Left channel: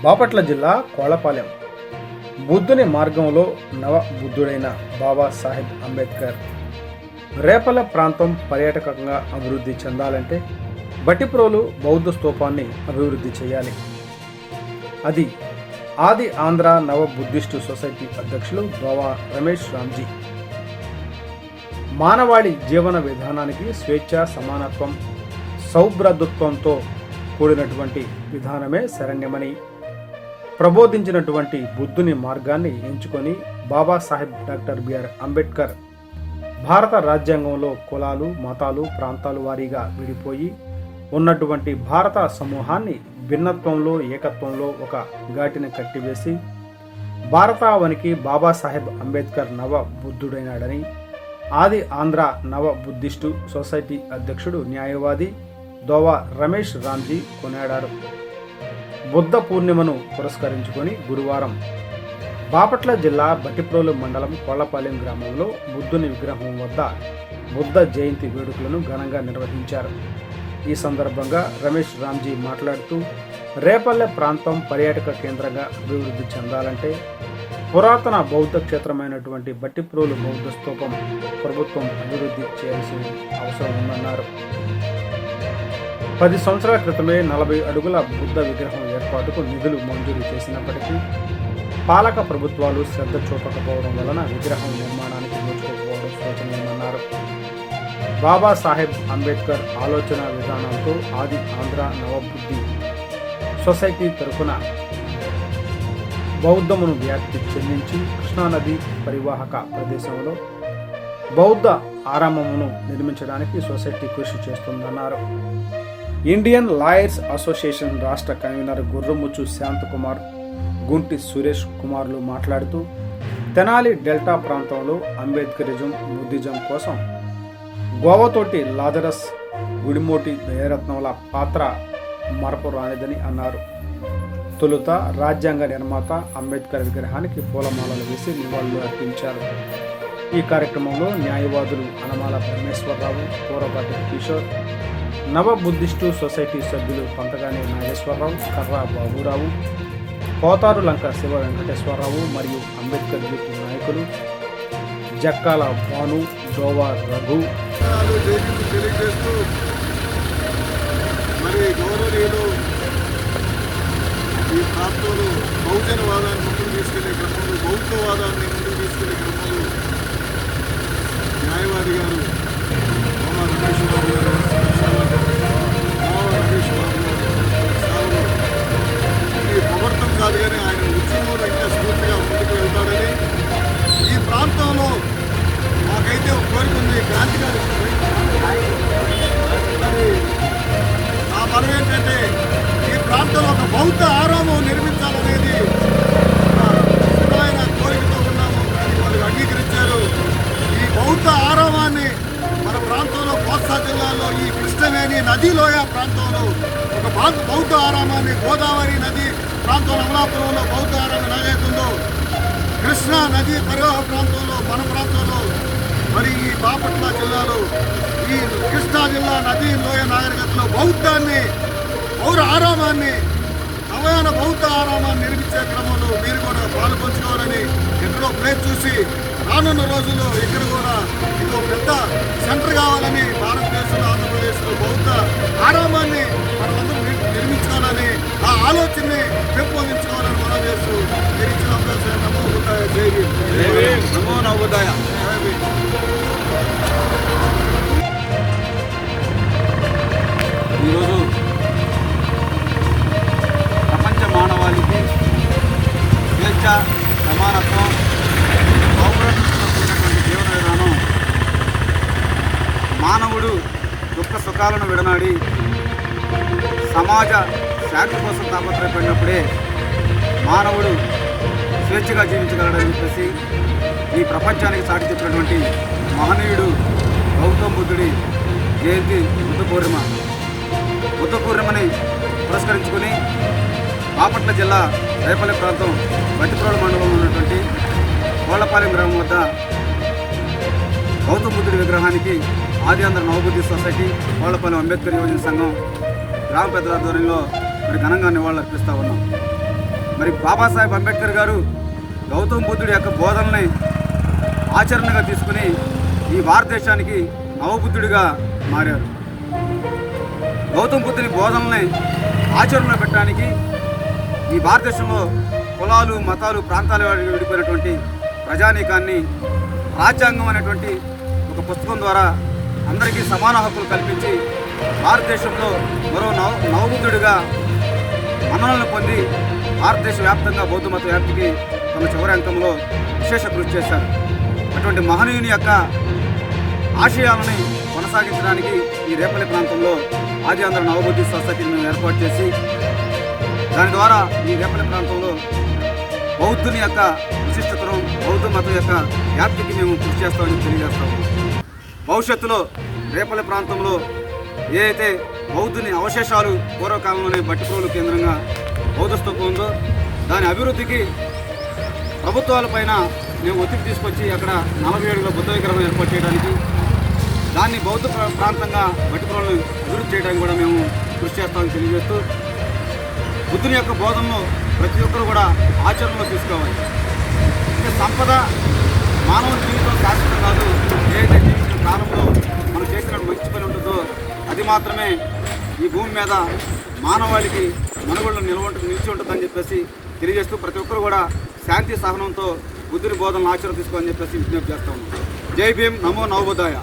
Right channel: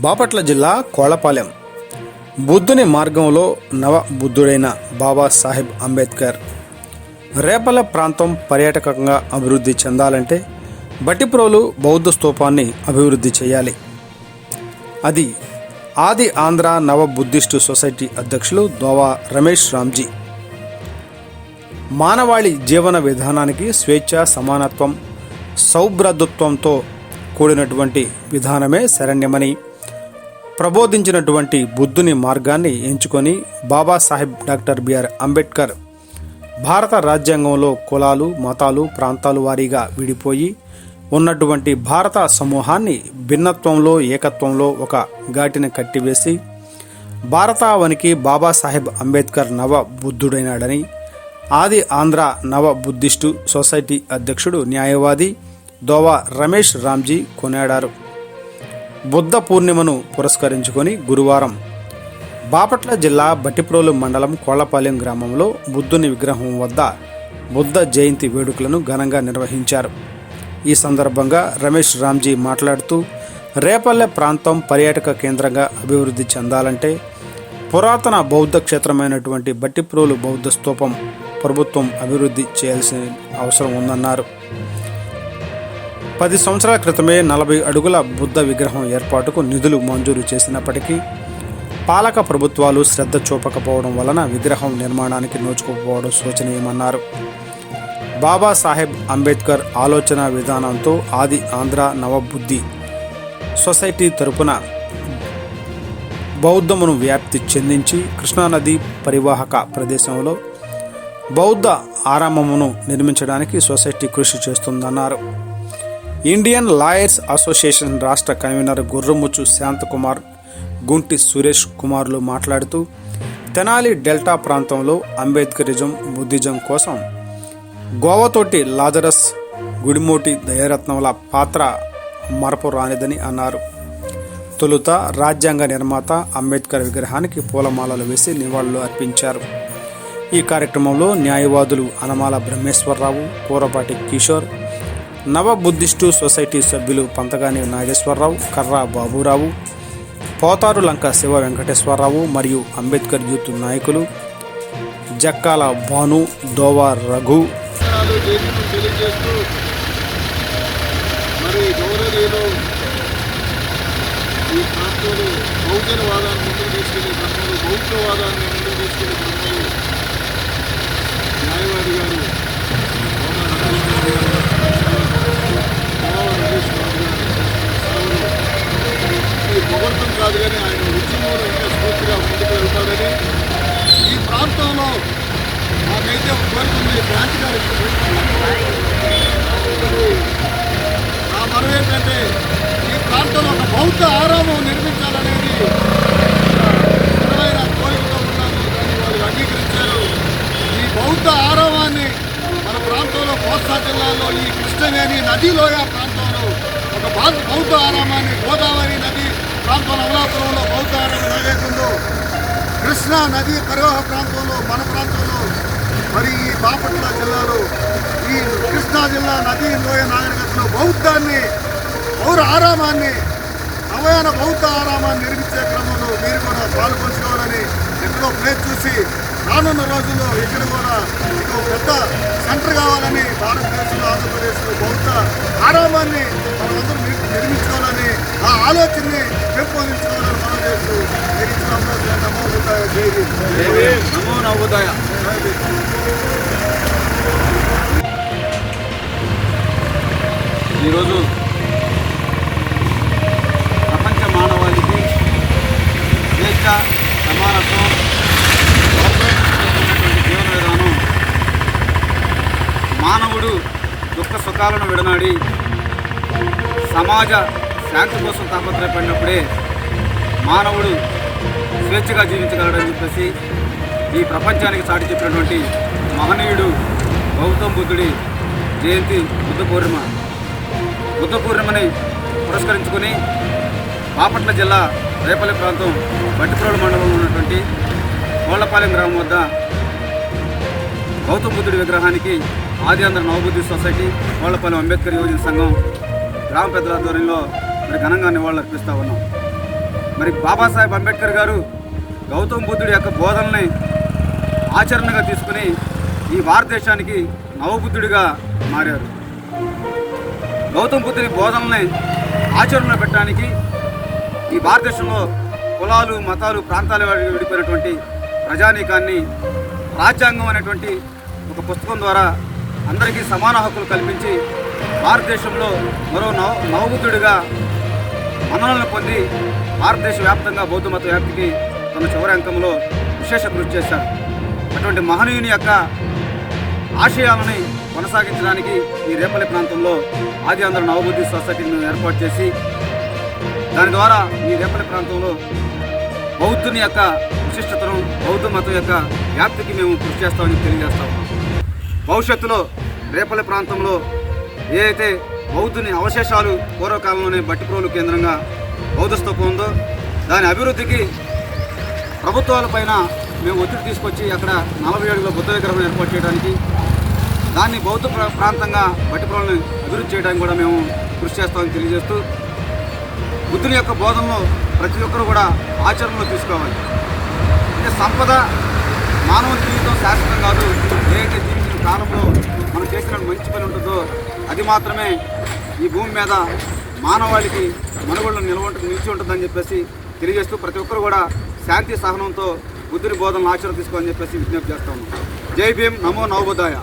బాపట్ల జిల్లా కోళ్లపాలెం బుద్ధుని మార్గంలో నవ బుద్ధుడైన బాబాసాహెబ్ అంబేద్కర్ రేపల ప్రాంతం పర్యాటకంగా అభివృద్ధి చెందాలంటే బట్టిప్రోలు బౌద్ధ స్తూపాన్ని అభివృద్ధి చేయాలి. అది ఆది ఆంధ్ర నవ బుద్ధిస్టు సొసైటీ అధ్యక్షులు దోవా రమేష్ రామ్జీ. మానవాళి జీవన విధానానికి స్వేచ్ఛ, సమానత్వం, సౌభ్రాతృత్వంతో కూడినటువంటి విధానమే శరణ్యమని ప్రబోధించినటువంటి బుద్ధుని మార్గాన్ని ఎంచుకొని బాబాసాహెబ్ డాక్టర్ బిఆర్ అంబేద్కర్ భారత రాజ్యాంగంలో కులాలు, మతాలు, ప్రాంతాలు వారీగా విడిపోయి ఉన్నటువంటి భారత సమూహాన్ని భిన్నత్వంలో, ఏకత్వంలో ఒక ఘాటిని కట్టివేసి భారతావనికి బాబాసాహెబ్ అంబేద్కర్ నవ బుద్ధుడైనాడని ఆది ఆంధ్ర నవ బుద్ధిస్టు సొసైటీ అధ్యక్షుడు న్యాయవాది దోవా రమేష్ రామ్జీ కొనియాడారు. బుద్ధ పూర్ణిమను పురస్కరించుకొని గురువారం బాపట్ల జిల్లా బట్టిప్రోలు మండలం కోళ్లపాలెం గ్రామంలో బుద్ధుని విగ్రహం వద్ద బుద్ధ జయంతి వేడుకలను ఘనంగా నిర్వహించారు. ఈ సందర్భంగా రమేష్ రామ్జీ మాట్లాడుతూ, రేపల్లె ప్రాంతం పర్యాటక కేంద్రంగా అభివృద్ధి చెందాలంటే పురాతన బౌద్ధ క్షేత్రమైనటువంటి బట్టిప్రోలు బౌద్ధ స్తూపం ప్రభుత్వం అభివృద్ధి చేయాల్సిన అవసరం ఉందన్నారు. 10 సంవత్సరాల క్రితమే 40 అడుగుల బుద్ధ విగ్రహం ఏర్పాటుకు నిధులు మంజూరు చేసినప్పటికీ పాలక ప్రభుత్వాలు శ్రద్ధ చూపకపోవడం వలన విగ్రహం నిర్మాణానికి నోచుకోకపోవడం శోచనీయమన్నారు. బాబాసాహెబ్ అంబేద్కర్ ఆలోచన విధానంతో ఆది ఆంధ్ర నవబుద్ధి సొసైటీ తరపున బౌద్ధమును వ్యాప్తి చెందించి కృష్ణానది పరివాహక ప్రదేశంలో బౌద్ధ ఆరామమును నిర్మించడానికి సొసైటీ కృషి చేస్తుందన్నారు. ఇండియన్ లాయర్స్ అసోసియేషన్ రాష్ట్ర కన్వీనర్ గుర్రముచ్చు శాంతకుమార్, గుంటి సురేష్ కుమార్లు మాట్లాడుతూ, తెనాలి డెల్టా ప్రాంతంలో అంబేద్కరిజం, బుద్ధిజం కోసం గోవతోటి లాజరస్, గుడిమోటి దయారత్నంల పాత్ర మరపురానిదని అన్నారు. తొలుత రాజ్యాంగ నిర్మాత అంబేద్కర్ విగ్రహానికి పూలమాలలు వేసి నివాళులు అర్పించారు. ఈ కార్యక్రమంలో న్యాయవాదులు అనమాల బ్రహ్మేశ్వరరావు, కూరపాటి కిషోర్, నవ బుద్ధిస్టు సొసైటీ సభ్యులు పంతగాని నాగేశ్వరరావు, కర్రా బాబురావు, పోతారు లంక శివ వెంకటేశ్వరరావు మరియు అంబేద్కర్ యూత్ నాయకులు జక్కాల భాను, దోవా రఘు ఈ ప్రాంతంలో బహుజనవాదాన్ని ముందుకు తీసుకెళ్లే క్రమంలో, బౌద్ధవాదాన్ని ముందుకు తీసుకెళ్లే క్రమంలో న్యాయవాది గారు దోవా రమేష్ బాబు గారు సేవలు ఈ పొగడ్తం కాదు కానీ ఆయన ఉద్యమంలో ఇంకా స్ఫూర్తిగా ముందుకు వెళ్తారని, ఈ ప్రాంతంలో మాకైతే ఒక కోరిక ఉంది. క్రాంతికారి నా మనం ఏంటంటే ఈ ప్రాంతంలో ఒక బౌద్ధ ఆరామం నిర్మించాలనేది స్థిరమైన కోరికతో ఉన్నాము. దాన్ని వాళ్ళు అంగీకరించారు. ఈ బౌద్ధ ఆరామాన్ని మన ప్రాంతంలో కోస్తా జిల్లాలో ఈ కృష్ణవేణి నదిలోయ ప్రాంతంలో ఒక బౌద్ధ ఆరామాన్ని, గోదావరి నది ప్రాంతంలో అమలాపురంలో బౌద్ధ ఆరామం ఏదైతుందో, కృష్ణా నది పరివాహ ప్రాంతంలో మన ప్రాంతంలో, మరి ఈ బాపట్ల జిల్లాలో ఈ కృష్ణా జిల్లా నది లోయ నాగరికతలో బౌద్ధాన్ని, పౌర ఆరామాన్ని, నవయాన బౌద్ధ ఆరామాన్ని నిర్మించే క్రమంలో మీరు కూడా పాలు పంచుకోవాలని ఎక్కడో ప్లేస్ చూసి రానున్న రోజుల్లో ఇక్కడ కూడా ఇది ఒక పెద్ద సెంటర్ కావాలని, భారతదేశంలో, ఆంధ్రప్రదేశ్లో బౌద్ధ ఆరామాన్ని మనమందరం నిర్మించుకోవాలని, ఆ ఆలోచనని పెంపొందించుకోవాలని మనం చేస్తూ ఇచ్చిన అవకాశం నమో బుద్ధాయ, జై భీమ్, నమో నవోదయ, జై భీమ్. ఈరోజు ప్రపంచ మానవాళికి స్వేచ్ఛ, సమానత్వం, సౌభ్రాతృత్వంతో కూడినటువంటి జీవన విధానం, మానవుడు దుఃఖ సుఖాలను విడనాడి సమాజ శాంతి కోసం తాపత్రయపడినప్పుడే మానవుడు స్వేచ్ఛగా జీవించగలడని చెప్పేసి ఈ ప్రపంచానికి చాటి చెప్పినటువంటి మహనీయుడు గౌతమ బుద్ధుడి జయంతి బుద్ధ పూర్ణిమని పురస్కరించుకొని బాపట్ల జిల్లా రేపల్లె ప్రాంతం బట్టిప్రోలు మండలంలో ఉన్నటువంటి కోళ్లపాలెం గ్రామం వద్ద గౌతమ బుద్ధుడి విగ్రహానికి ఆది ఆంధ్ర నవబుద్ధి సొసైటీ, కోళ్లపాలెం అంబేద్కర్ యువజన సంఘం గ్రామ పెద్దల ఆధ్వర్యంలో మరి ఘనంగా నివాళులు అర్పిస్తూ ఉన్నాం. మరి బాబాసాహెబ్ అంబేద్కర్ గారు గౌతమ బుద్ధుడి యొక్క బోధనల్ని ఆచరణగా తీసుకుని ఈ భారతదేశానికి నవబుద్ధుడిగా మారారు. గౌతమ బుద్ధుని బోధనల్ని ఆచరణలో పెట్టడానికి ఈ భారతదేశంలో కులాలు మతాలు ప్రాంతాల వారికి విడిపోయినటువంటి ప్రజానీకాన్ని రాజ్యాంగం అనేటువంటి ఒక పుస్తకం ద్వారా అందరికీ సమాన హక్కులు కల్పించి భారతదేశంలో మరో నవబుద్ధుడిగా మన్ననలు పొంది భారతదేశ వ్యాప్తంగా బౌద్ధ మత వ్యాప్తికి తమ చివరి అంకంలో విశేష కృషి చేశారు. అటువంటి మహనీయుని యొక్క ఆశయాలని కొనసాగించడానికి ఈ రేపల్లి ప్రాంతంలో ఆది ఆంధ్ర నవబుద్ధి సొసైటీని ఏర్పాటు చేసి దాని ద్వారా ఈ రేపల్లి ప్రాంతంలో బౌద్ధుని యొక్క విశిష్టతను బౌద్ధ మతం యొక్క వ్యాప్తికి మేము కృషి చేస్తామని తెలియజేస్తా ఉన్నాం. భవిష్యత్తులో రేపల్లి ప్రాంతంలో ఏ అయితే బౌద్ధుని అవశేషాలు పూర్వకాలంలోనే బట్టిప్రోలు కేంద్రంగా బౌద్ధ స్తూపం ఉందో దాని అభివృద్ధికి ప్రభుత్వాలపైన మేము ఒత్తిడి తీసుకొచ్చి అక్కడ 40 అడుగుల బుద్ధ విగ్రహం ఏర్పాటు చేయడానికి దాన్ని బౌద్ధ ప్రాంతంగా బట్టిప్రోలను అభివృద్ధి చేయడానికి కూడా మేము కృషి చేస్తామని తెలియజేస్తూ బుద్ధుని యొక్క బోధనలో ప్రతి ఒక్కరు కూడా ఆచరణలో తీసుకోవాలి. అంటే సంపద మానవుని జీవితం శాశ్వతం కాదు. ఏదైతే జీవించిన కాలంలో మనం చేసిన మంచి పని ఉంటుందో అది మాత్రమే ఈ భూమి మీద మానవాళికి మనుగడలో నిలిచి ఉంటుందని చెప్పేసి తెలియజేస్తూ ప్రతి ఒక్కరు కూడా శాంతి సహనంతో బుద్ధుని బోధనలు ఆచరణ తీసుకోవాలని చెప్పేసి విజ్ఞప్తి చేస్తా ఉన్నాం. జై భీమ్, నమో నవబుద్ధాయ.